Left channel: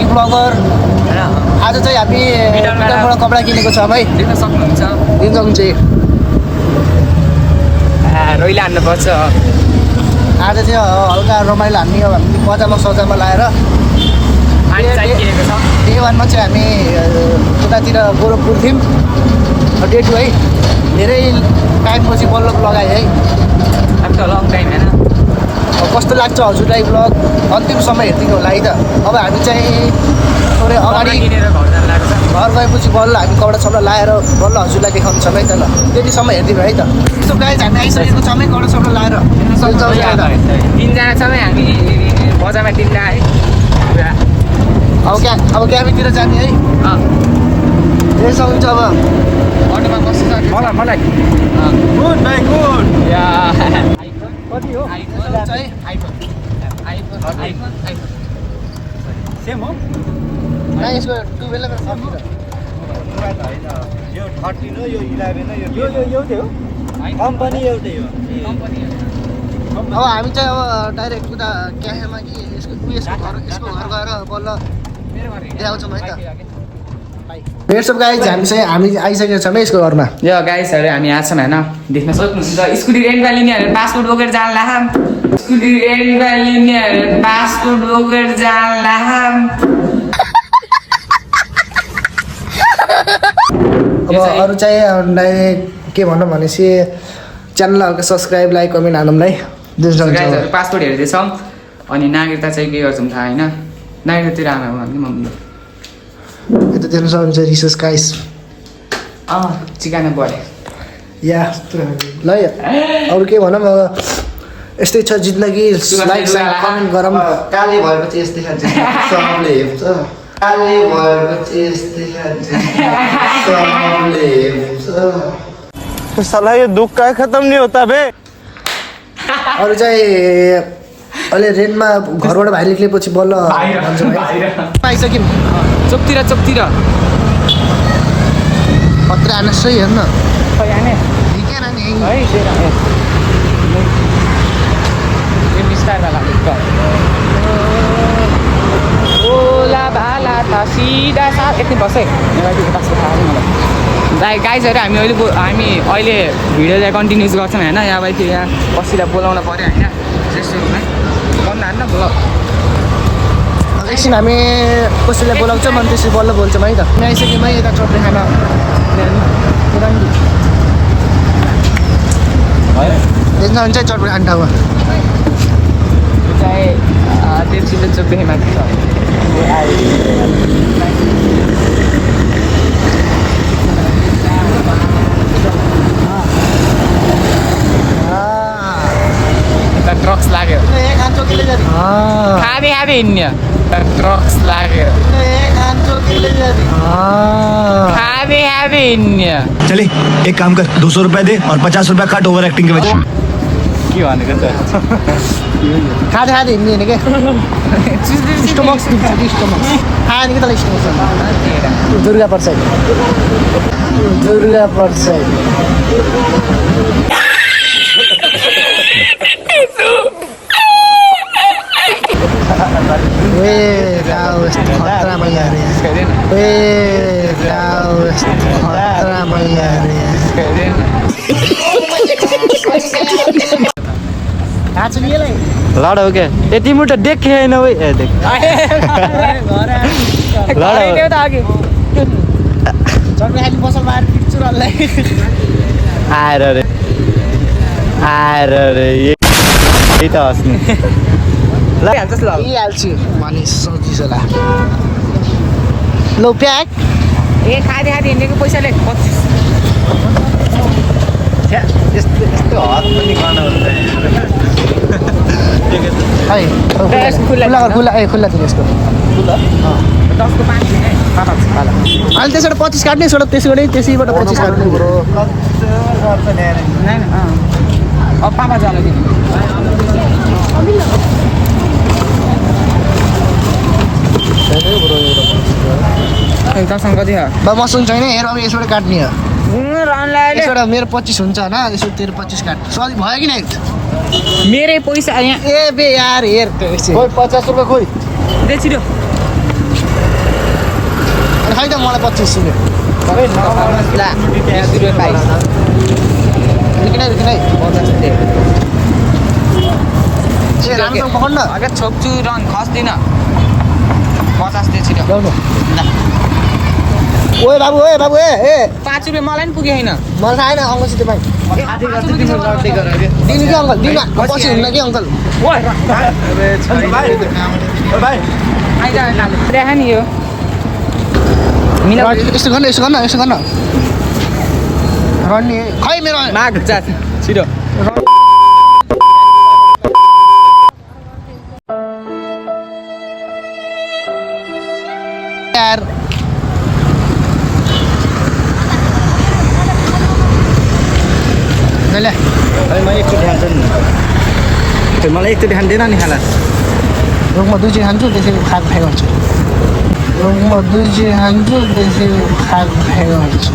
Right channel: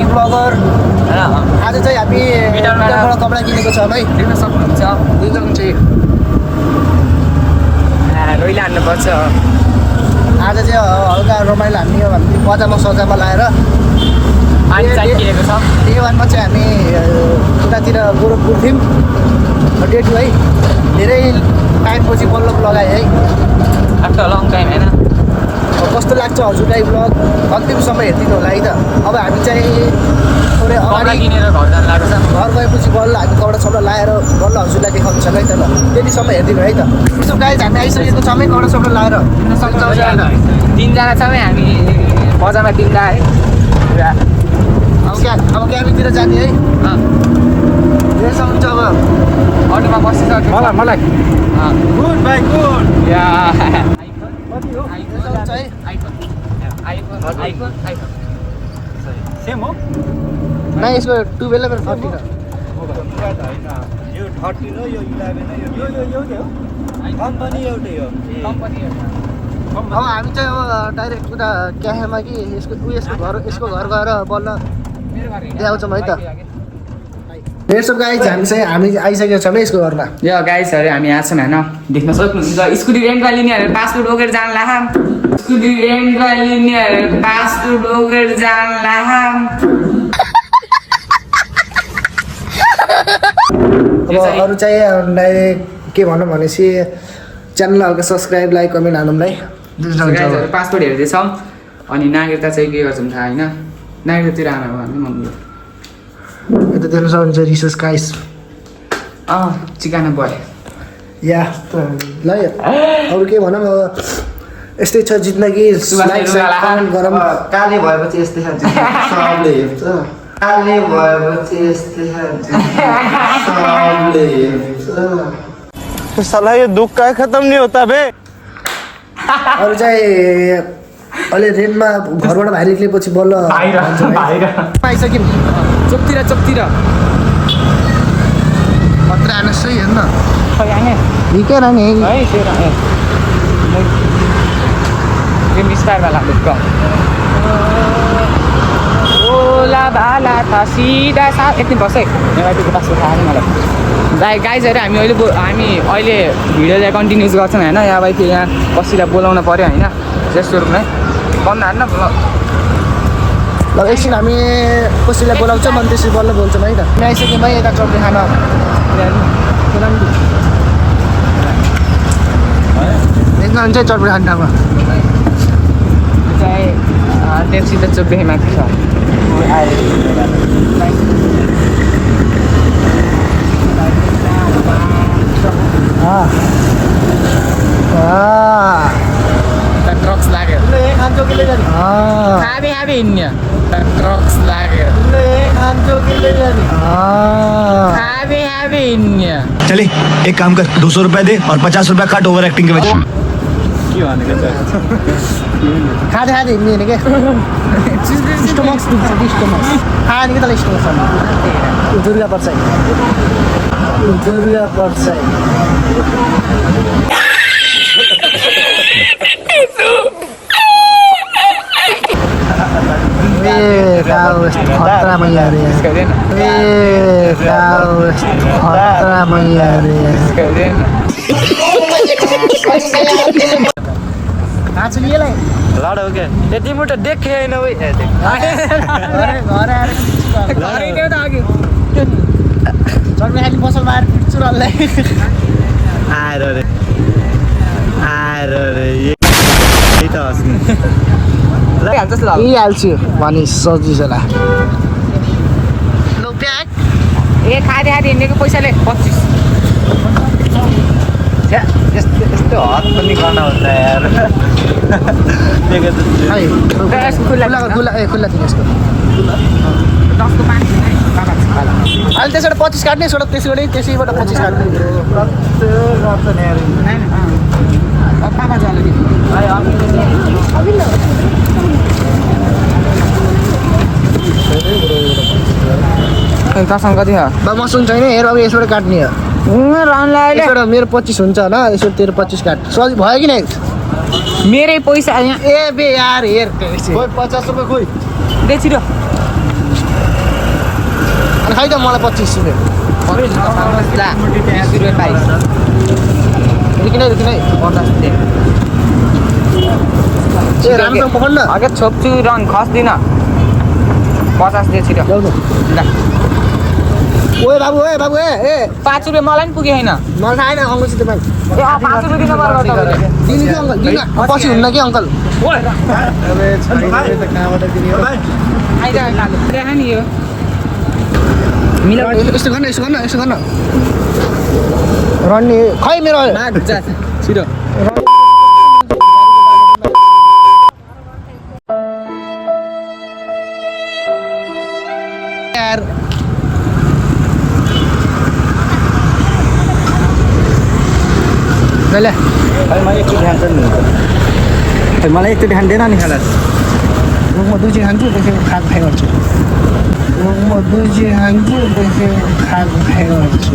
Baggy bagger. आज चाहिँ हामी गिटारबाट कपडा किनेको छौँ है, देख्न सक्नुहुन्छ। दिन सक्नुहुन्छ। रोइला हान्नुपर्छ। आज चाहिँ हल्का रमाइलो हान्ने हो भने पजामा सजामा लाएर डे 1मा चाहिँ हामी उतातिर गोरखपुर थियौँ। डे 2 है, धेरै टाइमपछि बल्ल लगाएँ है। आफ्टर लङ टाइम होइन। कस्तो लाग्छ हजुरलाई ब्लग अन्तिम समय हेरिदिनु होला है त। अब हामी चाहिँ थोरै अगाडि घर गएपछि बल्ल हामी कपडा सपडा लाएर बल्ल हजुरलाई देखाउनु छ है त। ल त्यति समय हेरिदिनु है त। यसो गाइज हामी आइसकेको छौँ है कपडा सपडा लाएर। तिनजना छौँ हामी बजारमा तिनजना है। अब क्याबिनतिर जाने है। यसो हुन्छ अब अटोमा बसिसक्यो। मलाई गुड भाइ गुड। सेम हो यसको 12 सेम हो। यो 13 हो, यो 11 हो, यो एउटै हो। कम्पनी एउटै हो। अब हामी चाहिँ अब डाइरेक्ट उता क्याफेमा कि यसको घर गएर बल्ल देखाउँछौँ है त। सब गाइज हामी आइसकेको छौँ है यसको घरमा। यो गाइसहरू हामी यहाँ छौँ होइन, देख्न सक्नुहुन्छ। स्कुटी रेन्टमा लिनेहरू पासपोर्ट बोकेर जान लाहाम। स्कुटी रेन्टमा लिनेहरू पासपोर्ट बोकेर जान लाहाम। अब अरू चाहिँ डाइरेक्ट के भनौँ भनेपछि च्यानल हल्का सब्सक्राइब लाइक कमेन्ट हालौँ है। गाइसहरू पासपोर्ट हेर्दैछौँ अनि नागरिकता चाहिँ के गर्छौँ थाहा होइन। नागरिकतातिर आमा हामी मम्मी यता देख्न सक्नुहुन्छ रिसर्च गाइस। चिकन बढे या ल अरू के भनौँ अब यस्तै छ जिन्दगी। लाइक साइक कमेन्ट गरौँ। काले भएपछि यस्तै खान्छ सबले हेर्छ। काले भएपछि यस्तै खान्छ सबले हेर्छ। साला ये दुख का खत्म नहीं होता बे। अरू चाहिँ अहिले रेन्टमा घरबाट बाहिर निक्लेपछि बल्ल भन्छ भाइ पाइसक्यौँ। चोकतिर खतरा हान्न सही हेर्न ठिकै नानी है। गाइजहरू हामी अहिले भिडियो चाहिँ कन्टिन्युस गर्छौँ होइन। यहाँ भाइ यहाँ बसिरहेर बोलाउनु पऱ्यो होइन जेस्टोरूलाई भन्नु हान्न। ल एकछिन हामी कसैलाई बोलाउँछौँ अनि त्यसरी बल्ल बोल्छौँ है त। हामी आइसक्यौँ है यता चटनी खान। देख्नुहुन्छ है चटनी खाने ठाउँमा। त्यसले चुपेमा ट्रक्स लाग्यो। हाबी हिँड्ने ट्रक्स लाग्यो। हाबी हिँड्ने। चले एक काम कर 200 रुपया दे और 50 रुपया काट ओवर एक्टिंग के वजह। खाँदै हिँड्ने होइन क्या। स्टोमक्स दुख्छ कि स्टोमक्स खायो भने कि तल स्टोमक्स दुर्गा प्रसाद यस्तो खतरा मैया अरे यार। यस्तो खतरा मैया अरे यार। लाडो हो क्या यति मुठा देखे होइन भाई चट्नी खाली पसलमा आएर पिट्छु रल्लाई आएर रे यही त हस्ने हाल्छु भने सजिलो ला। लो प्याक ए खाँदै हिँडेको पैसाले 25। खुल्ला दिनु यस्तो खुल्ला 10को 5 दिने पाला। अनि त्यसबाट 25 काट्ने त्यसैबाट 25 काट्ने ब्रो। अब पापा जानु दिनु। दसमा कति हो? मसँग छैन हेर अब यसबाट काट्ने हो। यसबाट मेरो 25 हुन्छ होइन यसबाट तेरो 25 काट सजिलो भयो कि नै। मेरै पैसा यहाँ ए बे यार हेर 50 रुपये खोइ दे छिटो खै त मलाई 25 रुपियाँ रुकिन है ए राम्रोसँग पकड्न अगर छोप्छु रन खस्दिनँ 50 दे छिटो ल ओए बाबु ए 5 रुपियाँ मलाई पनि पुगेन मलाई थाहा छैन अङ्कल सिधै पानी 5 रुपियाँ दिनु पर्छ दिनु कि अङ्कल दिनु पछि हुन्न कि अङ्कल आइज काले देखा नि यो यस्तो गर्न रन्नी खै मेरो माग जा छिटो यार ले मलाई एकचोटि खान्छ नि मलाई एकचोटि खाँदैन नि खाला म दुईचोटि खान्छु त्यसै खाएको खाइ गर्छु म दुईचोटि खान्छु त्यसै खाएको खाइ गर्छु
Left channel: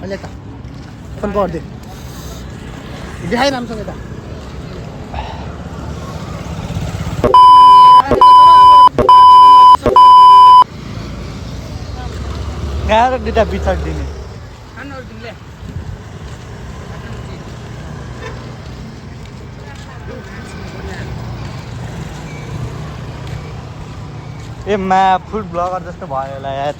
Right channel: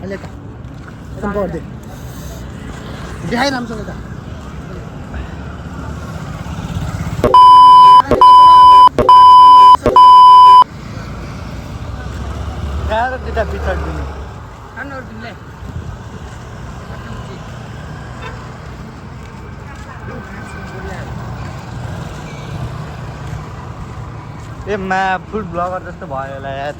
अहिले त फोन गरिदिए देखाइ राम्रोसँग त दुईटा पिछाड दिने ए मा फुड ब्लगर जस्तो भयो होला यार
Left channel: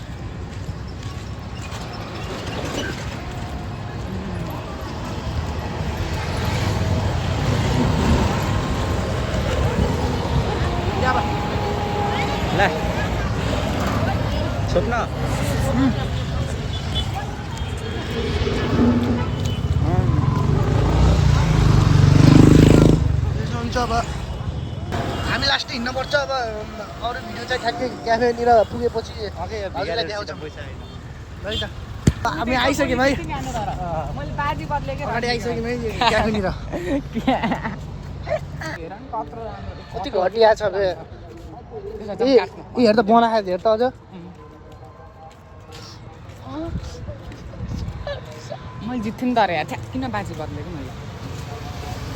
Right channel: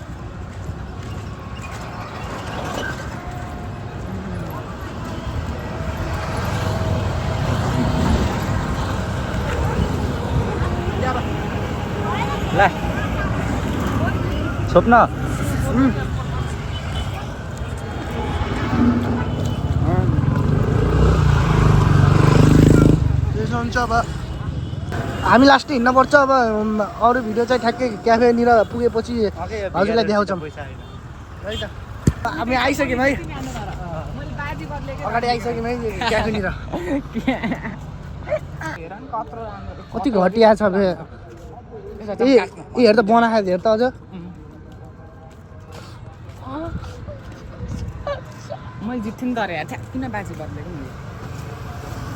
ल छोप्न त्यसो हुन्छ अब हामी लास्ट हिँड्नुपर्छ अब अरू भिडियो चाहिँ ठ्याक्कै क्याफेनिर पुगेपछि हजुरलाई देखाउँछौँ है त हामी आइसक्यौँ है अगाडि आइसक्यौँ है क्याफेनिर कति घटिया छ हेर त बना खाले हेर त अझ मैले जित्थेँ नि त अरे किन बाजी बदलेको मैले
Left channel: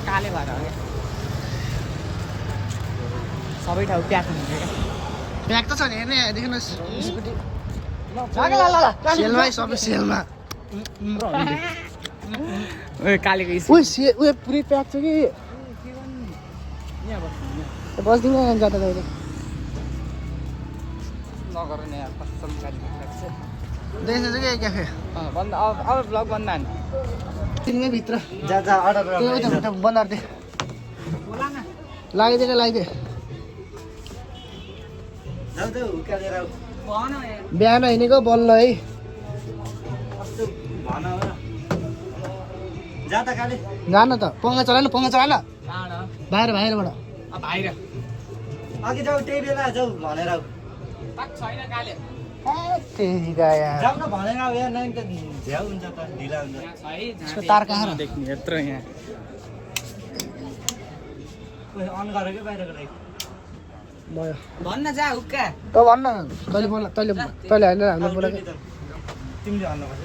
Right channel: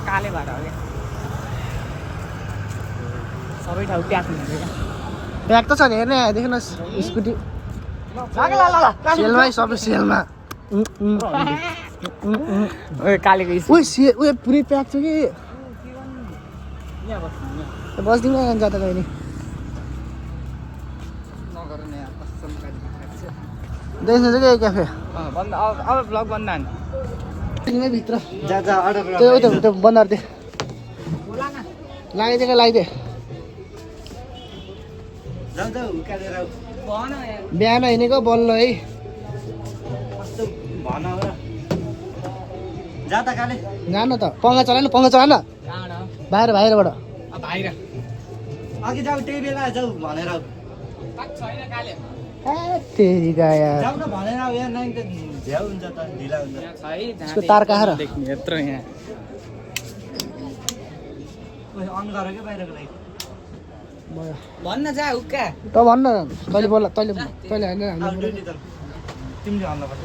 काले भएर हो क्या सबै ठाउँ प्याक हुन्छ प्याक त छ नि हेर्ने देख्नुहोस् स्कुटी सेलमा सबै सेलमा कालेको उयो पुरै प्याक छ कि बस्दिनँ जाँदा कहिले नगर नि यार कस्तो देख्नु चाहिँ के क्याफे अब ब्लग बन्द भित्र जा अर्डर त्यो बनाएर दे लगाइदिए बिहान हिँडेको बल्ल है जान त पङ्खा चलाएन बाहिरबाट बाहिर अघि जाऊ त्यही बेला जाऊ भनेर छैन काले जाऊ न भनेर यहाँ नाइन त झ्याउ हुन्छ त ढिला हुन्छ तार कहाँ देख्ने यत्रो यहाँ अन गरेर के बाहिरको लागि भयो भन्न जा उक्का त भन्न तैँले बोल तैँले होइन हाम्रो बोल तिमीले भन्नुपर्छ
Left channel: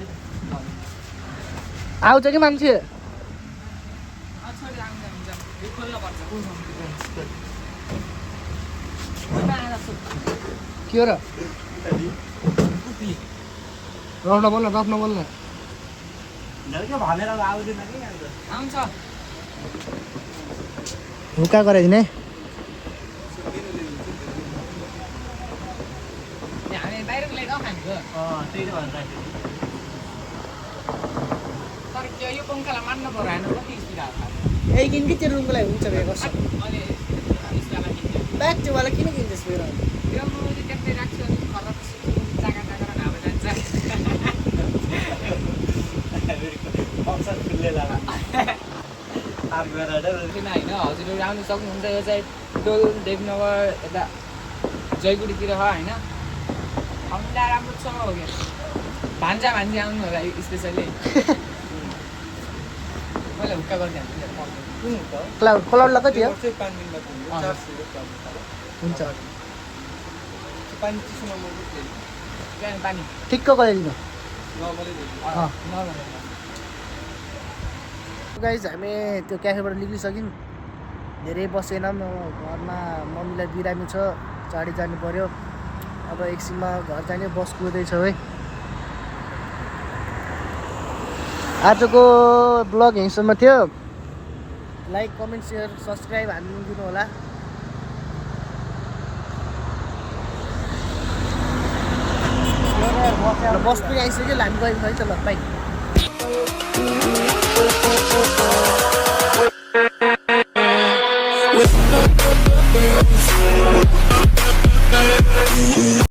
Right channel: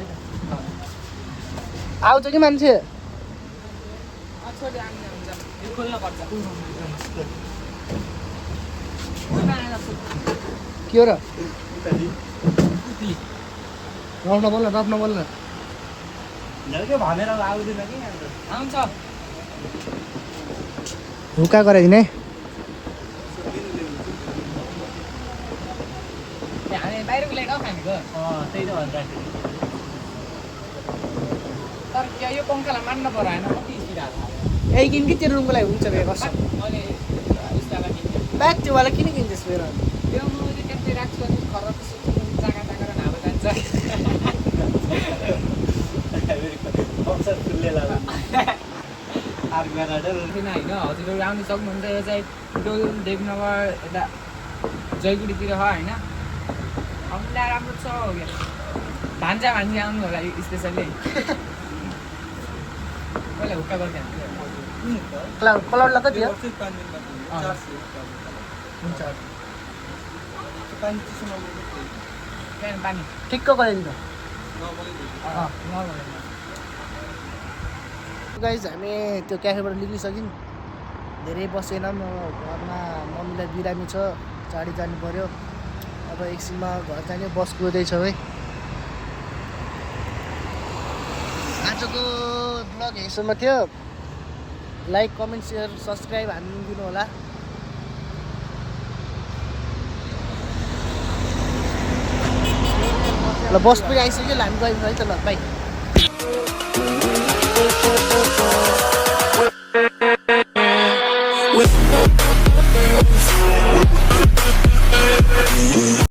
आउँछ कि मान्छे के हो र रफ्न बोल्न झल्के भनेर आउँदैन कि आउँछ हुक्का गरे नि हामी बाहिरको लागि खानेको त्यही त भन्छ तर के यो पङ्खालाई मान्न पर्यो होइन कति स्पिड ए किन कि तेरो रुमको लागि हुन्छ क्या कसो अनि स्टाला किन्थ्यो ब्याग त्योवाला किन किन्छस् फेरि त्यो म चाहिँ त्यस्तै राख्छु अनि खरब जागा हावा जान्छ किन होइन हजुरहरू आउनु सक्नुहुन्छ यो चाहिँ टोल देवनगर यता जयगुडीतिर छ होइन आउँदा राम्रो छ हो क्या भान्जा आउनु होला स्पेसल्ली मैले हुक्का गर्दै क्लाउडलाई कति हो हुन्छ त्यहाँ पानी ठिक्क गराइदिनु नर्मल गाइज हामी त्यो क्याफेबाट निक्लिसक्यौँ धेरै बसेनौँ घरमा मम्मीलाई बिरामी छ चाँडै जानु पऱ्यो अब एकछिनमा घर जाने बस कुदैछ है आजको ब्लग यहीँसम्म थियो लाइक कमेन्ट सेयर सब्सक्राइब हानिदिनु होला ल बस पनि आइसक्यो हामी गयौँ है त ल बाई